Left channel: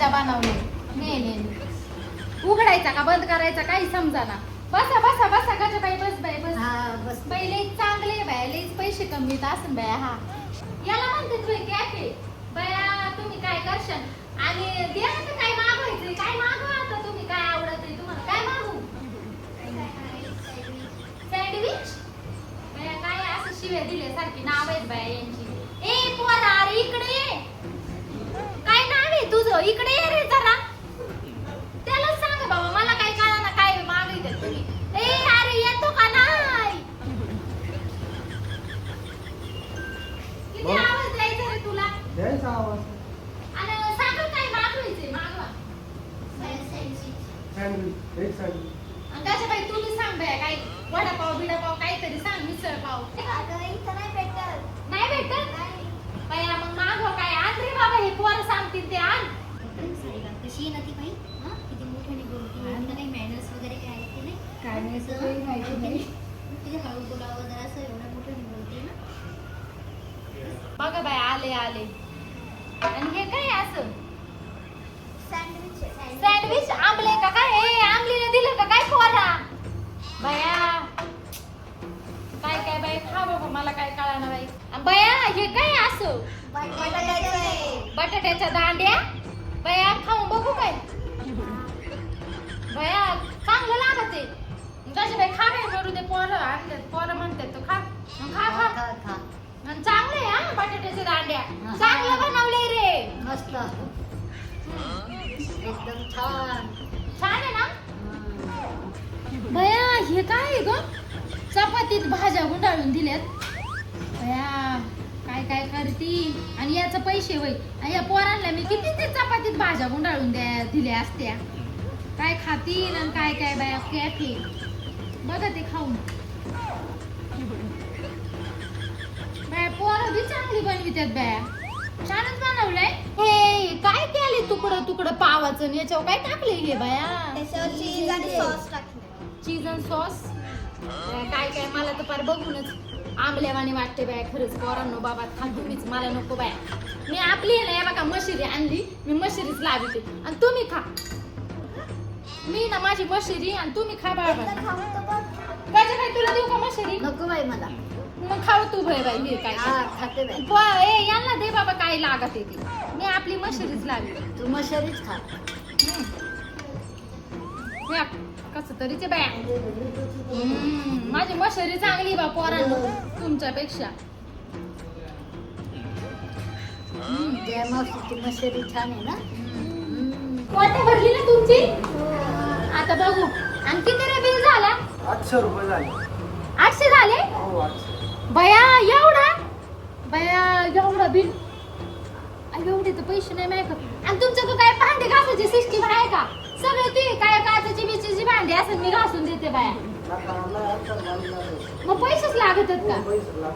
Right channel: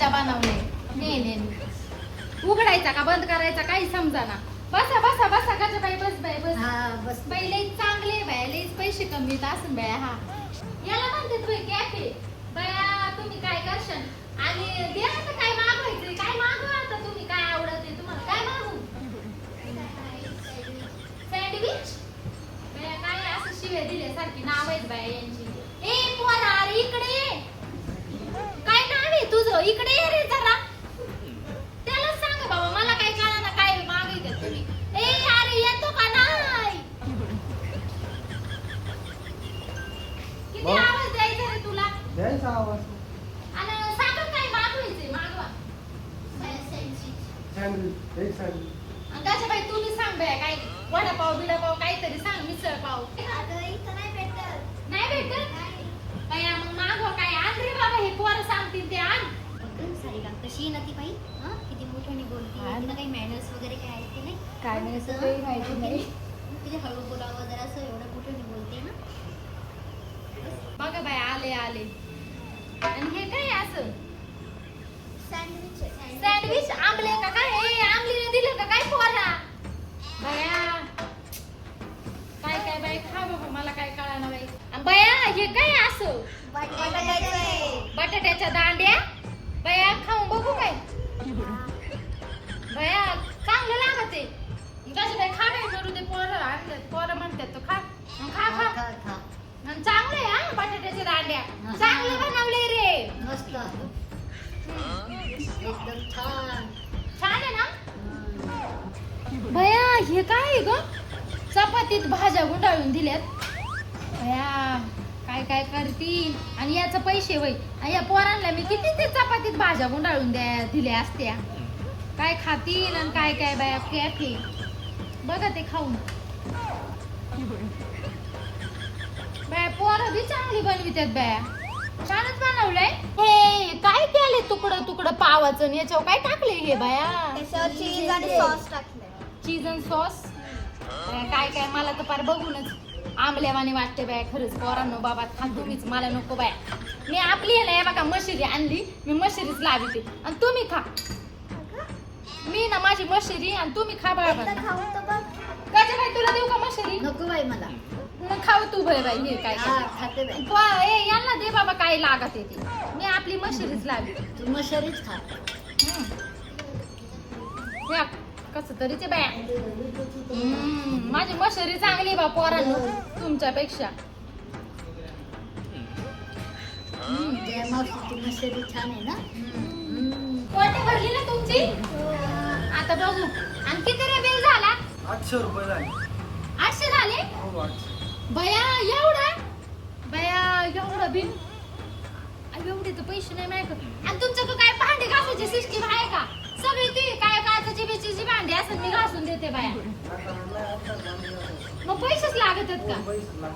दरवाजा बनवले. ने ने ने. उघडायचा का बंद करायचा काही समजाना. बसा बसा बसा का बाई बस. By bus. बस पहिले चांगले बाया लईच पैसे कमी असन बाया हा. याला म्हणते तुम्ही कॅफे बाया तुम्ही काय करशाल? आणि आता काय मागवायचं काय मागवा आता तुम्ही काय आवडत आहे तुम्हाला काय मागू सँडविच बाया काय असं शिव्या दिल्यासारखी नाव आहेत बाया यांची. ए पोरा इकडे ये. काय नाव आहे तुझं इकडे ये रे जरा. त्याला सांग बाबा मला काय कळा ना काय मागायचं तुम्ही? ए अरे येतो का नाही? किती? आवाज द्यायचा रे तुला? द्यायचा आवाज. आणि साखर काय मागवा. सँडविच एक सँडविच आणि त्याच्याबाई तुम्ही सांग बाया काय वडापाव बिडापाव काहीतरी सांग मिसळ पाव. नाही भेटत? बाया मग मागव काय ना ती बाई? हा? किती मोठ्याने बोलते हा. तिला काही मॅनर्स वगैरे काय आहेत की नाही? काय नाही असं काही माहिती नाही. तिला हळू बोलावं जरा असं एवढ्या मोठ्याने बोलते ना. बघा बाय आले आले. आणि हे काय असं? सँडविच आमले का काय? ए आमलीने दिलं का काय पोरा बया. काय काय बाई? खा बाबा मला काय कळाना बाई. आणि बया हे काय असं? बटाट्याच्या दांड्या? बया खाऊन बघू काय? बया चांगलं लागत आहे. कसं बाई खा नाही करू दे पोरं. आणले पोरं म्हणतात तो खा. मग खा खा. खा खा. आणि चांगलं आहे हा बटाट्याच्या दांड्या. चांगलं बनवलंय रे. मस्त. एकदम छान. छान आहे ना. भया हे काय ग? चपातीत भाज्या गुंडाळून दिल्यात. भया काय काय करतील आणि याचं पैसे होय. आणि या पोरांना मी किती ते चपातीत भाज्या गुंडाळून द्या दिल्या असत्या. काय खातील आणि काय काय बाया कॅफे बघा ते खाऊन. बाया पोरं बी चांगली बनवितात बाया. छानच बनवलंय. हे काय केले तुकडं तुकडं पावाचं? आणि याच्यावर काय टाकले हे बाया? चीज आणि सॉस टाकलंय. चीज अँड सॉस काय काय? मला तर फार बघूनच आंबल्यावाणी वाटते बाय खरंच पोरांनो बाबा खा तुम्हीच मला नको बाय मी आपली आहे ना हे बघा मशिरी आणली मी मशिरीच लावते. आणि तुम्ही खा. मी ना माझी मशिरी आणि तुम्ही खा बाबा बघ. कधी काय तुला देऊ का मशिरी नको बाई मला. मग खाऊ तू बाय बाई हे काय? खाते बाई. ए, यांना दे बाबा काय लागत आहे ते. मी आपली मशिरीच लावली तू मशरीच खा. हम्म. हे कसं तरीच बाया. माझी मशरी चांगली बा पोरांनो तुमच्यापेक्षा. मशरी छान आहे ना? हम्म. वाटी भरली ना तुमची? आता बघू. आणि किती रे बिल झाला आठशे रुपये झाले. आठशे झाले? हो बया एवढा? बया एवढा बिल? एवढे तर पैसे नाही माहिती आणि तुमच्याकडे काय भांडे घासायची सिस्टीम आहे का? सगळे तुम्ही काय काचाची बिचीची भांडी असं मी घासून देते बाया. मग पैसेच लागत आहेत का?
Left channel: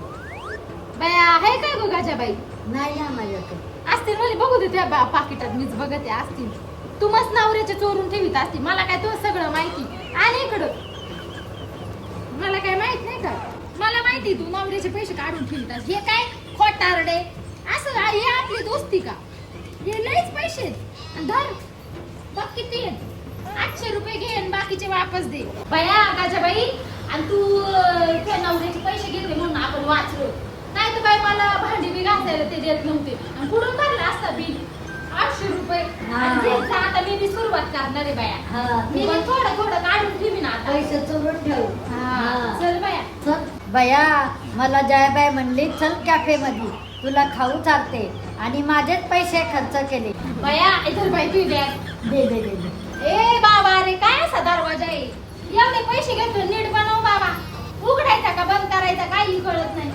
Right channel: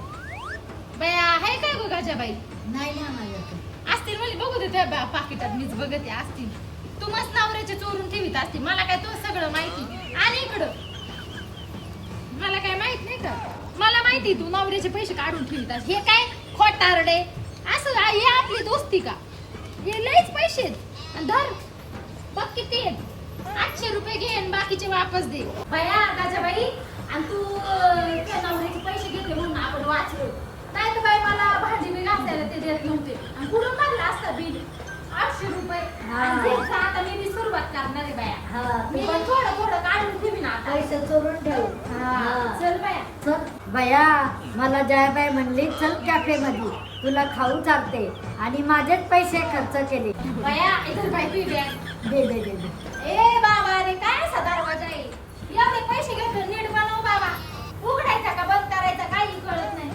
बया आहे काय गो गाजाबाई? नाही ना माझ्याकडे असतील मला बघू दे त्या बा- पाकिटात मीच बघते असतील. तू मस्त नवऱ्याचे चोरून ठेवीत असतील मला काय तो सगळं माहिती. आणि इकडं. मला काय माहीत नाही का? मला माहिती तू नवऱ्याचे पैसे काढून ठेवीत असते. हे काय खोटारडे? असं हे आपली दोस्ती का? हे लईच पैसे आहेत. आणि धर. बघ किती आहेत. आठशे रुपये घे आणि बाकीचे वापस दे. बया गाजाबाई आणि तू त्या नवऱ्याचे पैसे घेतले म्हणून आपण वाचलो. नाही तर बाई मला भांडी बी घासायला ते देत नव्हते. आणि कुठून भरला असता बिल? आठशे रुपये. आणि आता मी बी सुरुवात करणार आहे बाया मी तू पण थोडं थोडं काढून ठेवीन आता. पैसे चोरून ठेव. हा. हा. चल बाया चल. बया मला जयबाई म्हणली चल कॅफे मध्ये तुला खाऊ चालते. आणि माझेच पैसे खर्च केले. बया इधर बाई बी बॅग ए बाबा रे काय असा दरवाजा आहे? एवढे पैसे घेतो नीट बनव बाबा. उघडायचा का बंद करायचा काही कळत नाही.